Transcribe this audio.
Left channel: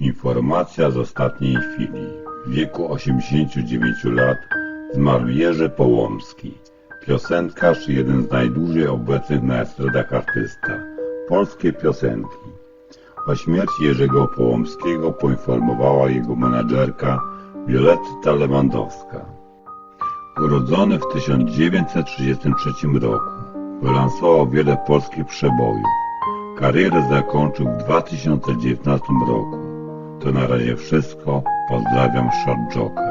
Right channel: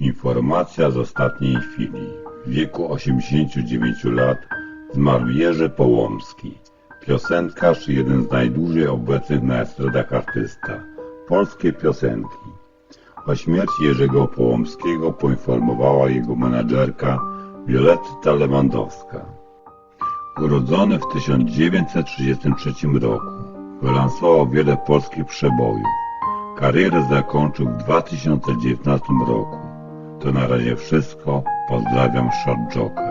Informacja z ostatniej chwili. W wieku 89 lat zmarł Jerzy Połomski, piosenkarz i jeden z najdłużej obecnych na estradach artysta. Polskie piosenki. O śmierci Jerzego Połomskiego poinformowała jego menadżerka Violetta Lewandowska. Urodzony w 1933 roku, wylansował wiele polskich przebojów. Karierę zakończył w 2019 roku. To na razie wszystko. Pozdrawiam Short Joker.